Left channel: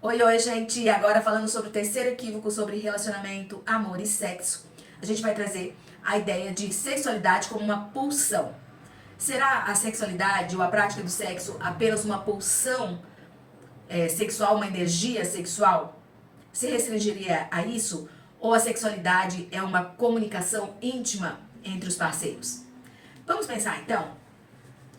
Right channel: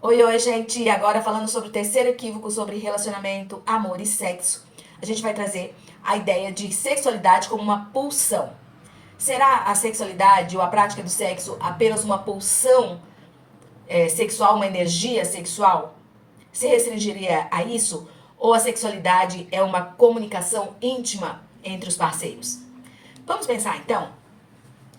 Oi, oi, gente! E agora falando sobre o terceiro equívoco sobre relacionamento, amor e sexo. A gente vai trazer a ideia de sexualidade como uma pulsão. Será a sexualidade ou a prática do sexo apenas uma pulsão sexual, uma energia sexual? Se restringiria a isso? Ou a sexualidade é uma comunicação íntima entre os parceiros? Vamos pensar então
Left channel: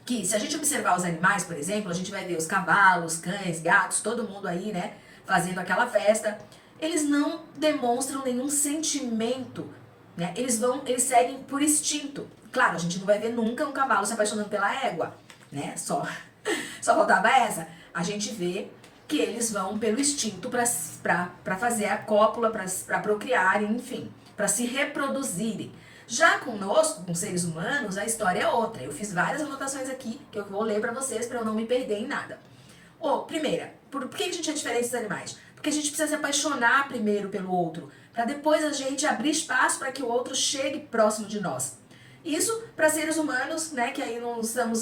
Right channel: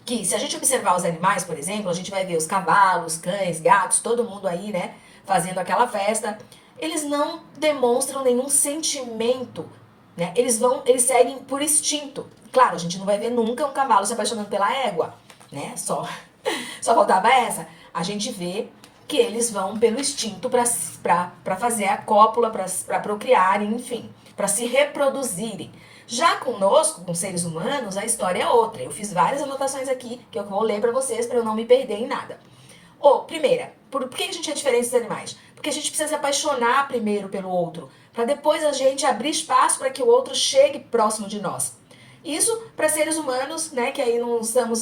que se a gente observar os animais, por exemplo, a gente vai ver os cavalos, cães, gatos, todo mundo aí, né, fazendo aquela festa. Eles não demonstram nenhum sentimento, né? Eles seguem por instinto. Claro, a gente não vai ver nunca um cavalo se apaixonando pela égua, né? Só faltava essa. A gente vê que eles vão pelo instinto para fazer a cópula, para procriarem, enfim, para se reproduzirem. Já conosco, com seres humanos, a história é outra. Eu fiz várias anotações aqui que eu vou ler para vocês para eu não me perder em nada. Primeira, por que a gente é diferente dos animais? Porque a gente precisa se apaixonar primeiro pelo outro, para depois a gente abrir espaço para que o outro chegue próximo de nós. Isso para seres humanos, né, que aí não estamos,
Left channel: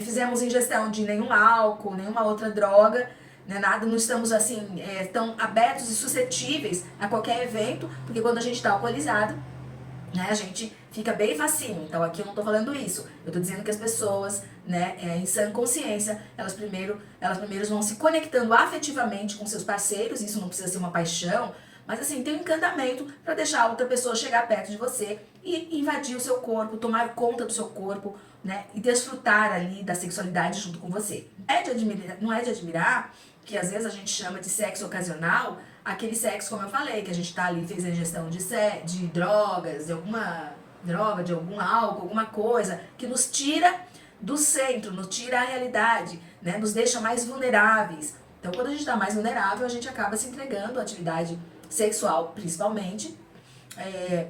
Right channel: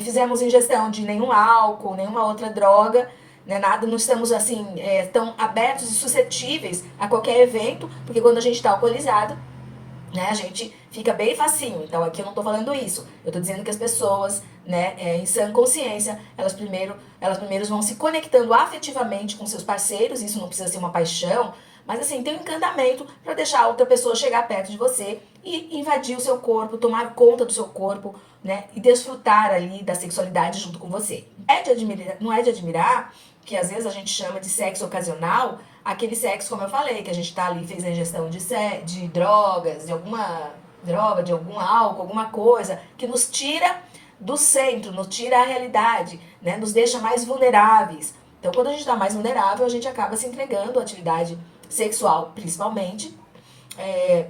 fizemos ingestão de nenhum álcool, nenhuma outra droga, né, nada, não estamos assim, tão abertos e suscetíveis a qualquer evento, porque quando a gente está alcoolizado, né, a gente fica bem facinho. Então aqui eu não tô falando isso. Eu tô dizendo que as pessoas, né, em sã consciência, elas primeiro vão se conectando afetivamente com seus parceiros. Isso não precisa ser uma paixão, mas assim, tem um encantamento para deixar a outra pessoa chegar perto de você e invadir o seu corpo, tomar conta do seu corpo, né, e desfrutar ali da sexualidade junto com você. Não é de admirar que às vezes a gente chama de sexo ocasional, aquele sexo, como eu falei, que a gente tá ali, fez a ingestão de drogas, de alguma droga, de algum álcool, alguma coisa, que nos tira do centro, nos tira a realidade, né? Nos deixa mais vulneráveis. Então, quando a gente tá mais vulnerável, a gente acaba se entregando à atividade sexual, principalmente,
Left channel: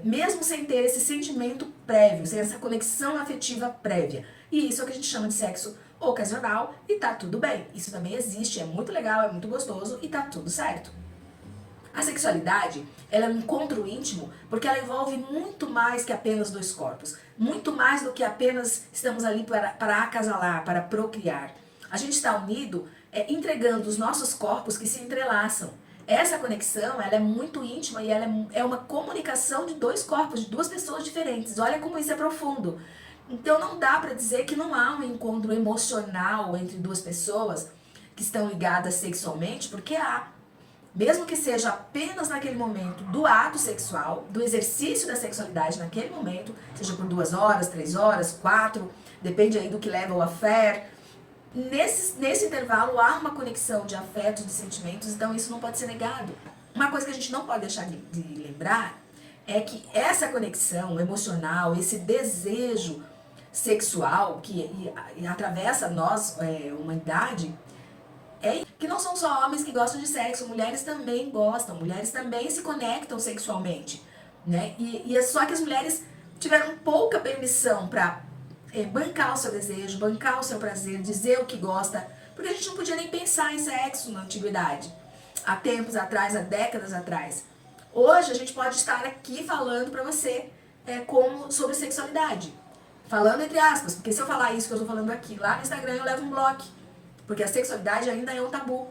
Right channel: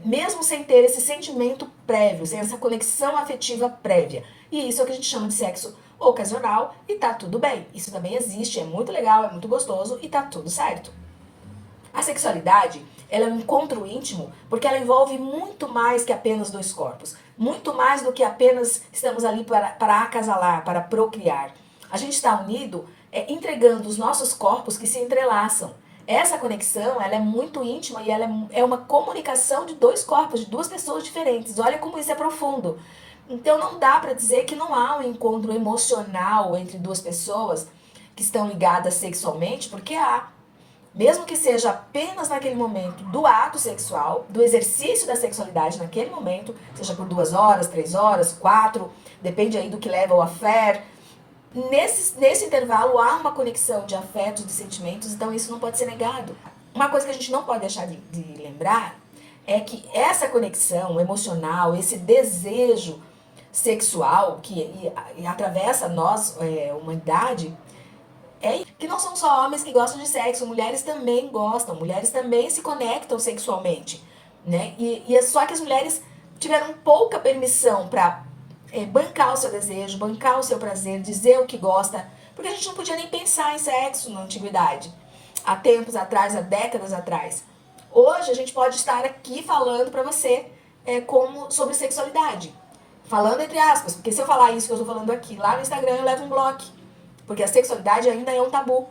mesmo sem ter esse sentimento prévio, sem essa conexão afetiva prévia. E isso é o que a gente chama de sexo ocasional e tá tudo bem. Isso também existe, é muito legal, é muito gostoso e tá tudo certo. A sexualidade, ela é um encontro íntimo porque ela envolve muito mais que apenas dois corpos. Muito mais do que apenas estamos ali para acasalar, para procriar. A gente está unido entregando os nossos corpos que se entrelaçam. Essa conexão, ela é muito íntima e ela é uma comunicação de dois corpos, de duas pessoas diferentes. Olha como isso é profundo. Então não dá para dizer que não há um encontro emocional entre duas pessoas que estão ligadas sexualmente, porque há. Mesmo que seja apenas naquele momento do ato sexual, do exercício da sexualidade naquele momento, seja por 2 horas, 3 horas, 4, depende aí do que leva ao affair. Nesse intervalo há uma conexão de afetos, de sentimentos, então isso não pode ser negado. Uma coisa que a gente não pode deixar de lembrar é que essa conexão emocional, esse desejo sexual que atravessa nós, humanidade, que não são só homens que gostam de sexo, mulheres também gostam, mulheres também se conectam sexualmente, né? E é só que as mulheres tiveram pouca permissão para bancar o seu desejo, bancar o seu prazer, dizer o que gosta, porque a gente não podia nem pensar em sexo na antiguidade, há tempos atrás, há décadas atrás. Hoje a gente pode estar aqui falando para você sobre sexualidade, falando entre aspas, porque se eu falar isso que eu estou falando aqui lá no Instagram eu levo um bloco. Porque a sexualidade ainda é um tabu.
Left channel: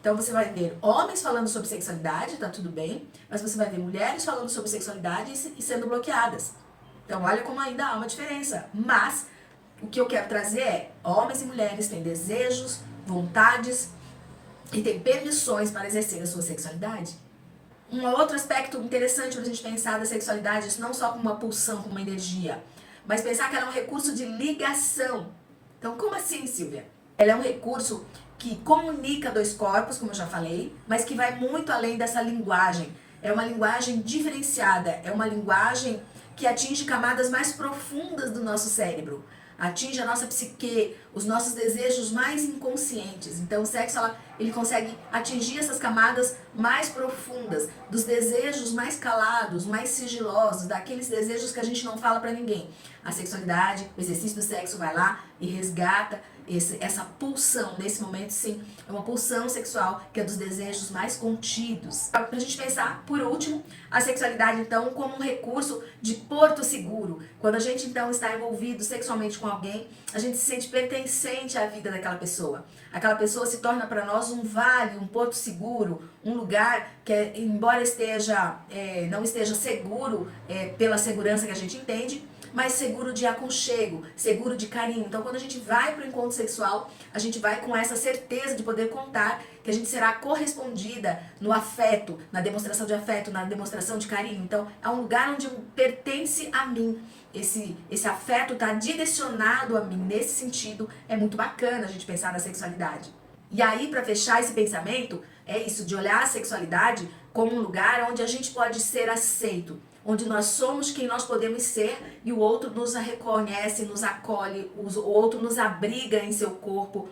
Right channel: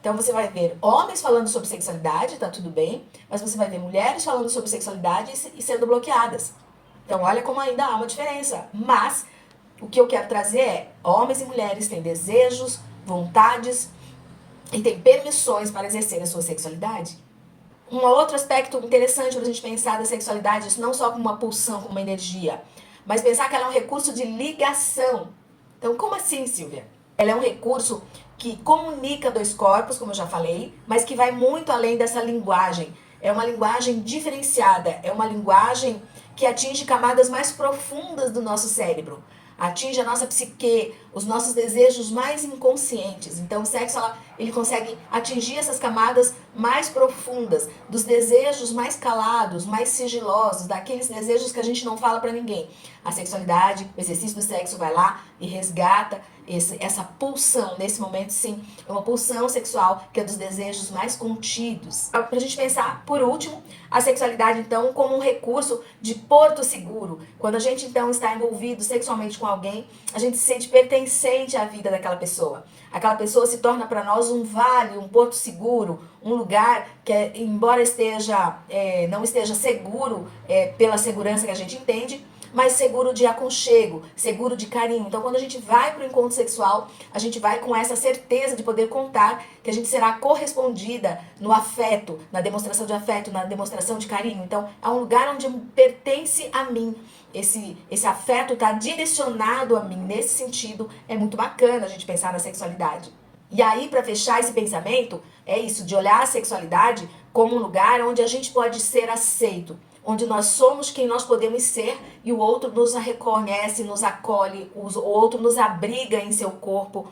Então você vai ver homens falando sobre sexualidade, tá tudo bem, mas você vai ver mulheres falando sobre sexualidade e sendo bloqueadas. Então olha como ainda há uma diferença. Mas o que eu quero trazer é: homens e mulheres têm desejos, vontades e têm permissões para exercer a sua sexualidade. Um outro aspecto interessante para a gente pensar da sexualidade, isso não só como uma pulsão, como uma energia, mas pensar que ela é um recurso de ligação. Então como assim, Silvia? Ela é um recurso que comunica dois corpos, como eu já falei, mas que vai muito além dessa linguagem. É uma linguagem diferenciada, é uma linguagem que atinge camadas mais profundas do nosso cérebro, atinge a nossa psique, os nossos desejos mais inconscientes. Então o sexo, ele consegue atingir essas camadas mais profundas, dos desejos mais calados, mais sigilosos, daqueles desejos que a gente não fala pra ninguém. A sexualidade, o exercício do sexo vai lá e resgata essa pulsão. Nesse momento, sim, é uma pulsão sexual que é dos desejos mais contidos. Pra gente pensar, por último, a sexualidade, então, como um recurso de porto seguro. Quando a gente, então, está envolvido sexualmente com alguém, a gente se sente pertencente à vida daquela pessoa. Aquela pessoa se torna para nós um vale, um porto seguro, um lugar que, embora não esteja seguro pela segurança que a gente entende, mas seguro de aconchego, seguro de carinho. Então, quando a gente vai para o encontro sexual, a gente vai com essa certeza de poder contar que a gente será correspondida no afeto, na demonstração de afeto, na demonstração de carinho. Então, é um lugar onde pertence a mim. Esse afeto está direcionado a mim. Nesse sentido, é muito bacana a gente pensar na sexualidade. E aí, para fechar esse pensamento, é isso, de olhar a sexualidade como um lugar onde a gente pode ser aceito, onde nós somos quem nós podemos ser e o outro nos reconhece, nos acolhe, o outro nos abriga em seu corpo,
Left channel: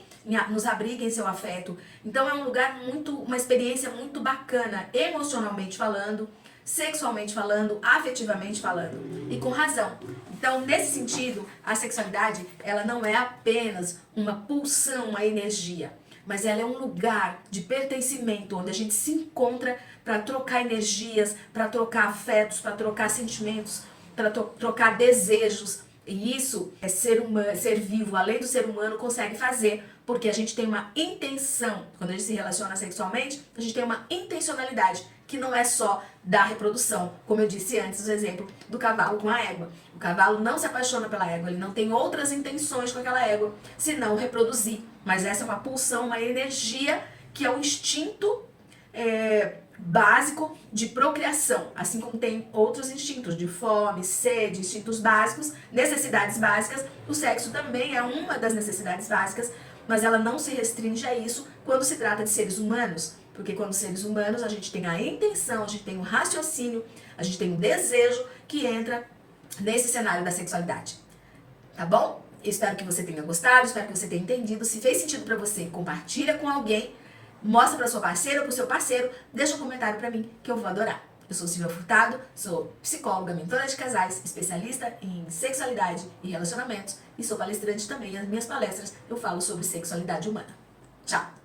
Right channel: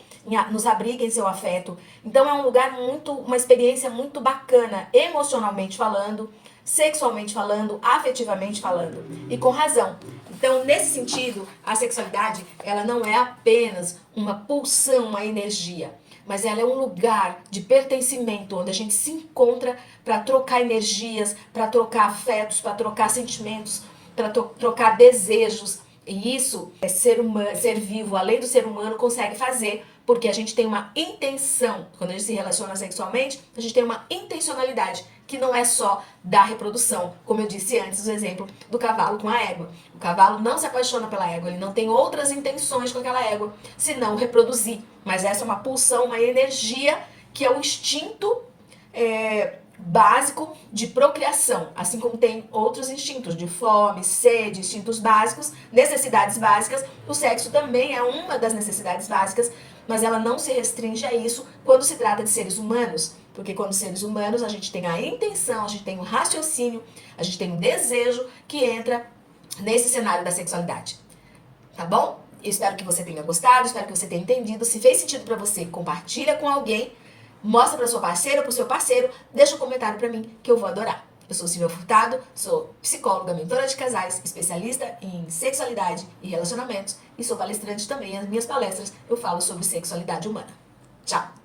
nos abriga em seu afeto. Então é um lugar uma experiência muito bacana, emocionalmente falando, sexualmente falando, afetivamente falando, e com razão. Então, nesse sentido, a sexualidade, ela não é apenas uma pulsão, uma energia, mas ela é um lugar de pertencimento, onde a gente se encontra para trocar energias, para trocar afetos, para trocar sentimentos, para trocar desejos. E isso ser vivo, além do ser humano, consegue fazer, porque a gente tem uma intenção. Quando a gente se relaciona sexualmente, a gente tem uma intencionalidade, que não é só da reprodução, como eu disse antes, o exemplo do cavalo com a égua. O cavalo não se apaixona pela égua, ele não tem outras intenções com aquela égua, senão reproduzir. Mas essa é uma pulsão, uma energia, que é o instinto básico de procriação, assim como tem outros instintos de fome, sede, instintos básicos, necessidades básicas. O sexo também é uma das necessidades básicas, mas ela não se restringe a isso quando se trata de seres humanos, porque quando seres humanos a gente tem a intenção, a gente tem o raciocínio, a gente tem o desejo que entra nesse cenário da sexualidade. Tá bom? Espero que você tenha gostado, espero que você tenha entendido. Se fez sentido pra você, compartilha com alguém, mostra pra sua parceira ou pro seu parceiro, deixa um comentário pra mim que eu vou adorar. Eu sou Silvia Furtado, sou psicóloga, mentora de casais, especialista em sexualidade e relacionamentos e sou palestrante também. Nas minhas palestras eu falo sobre sexualidade humana. Tchau!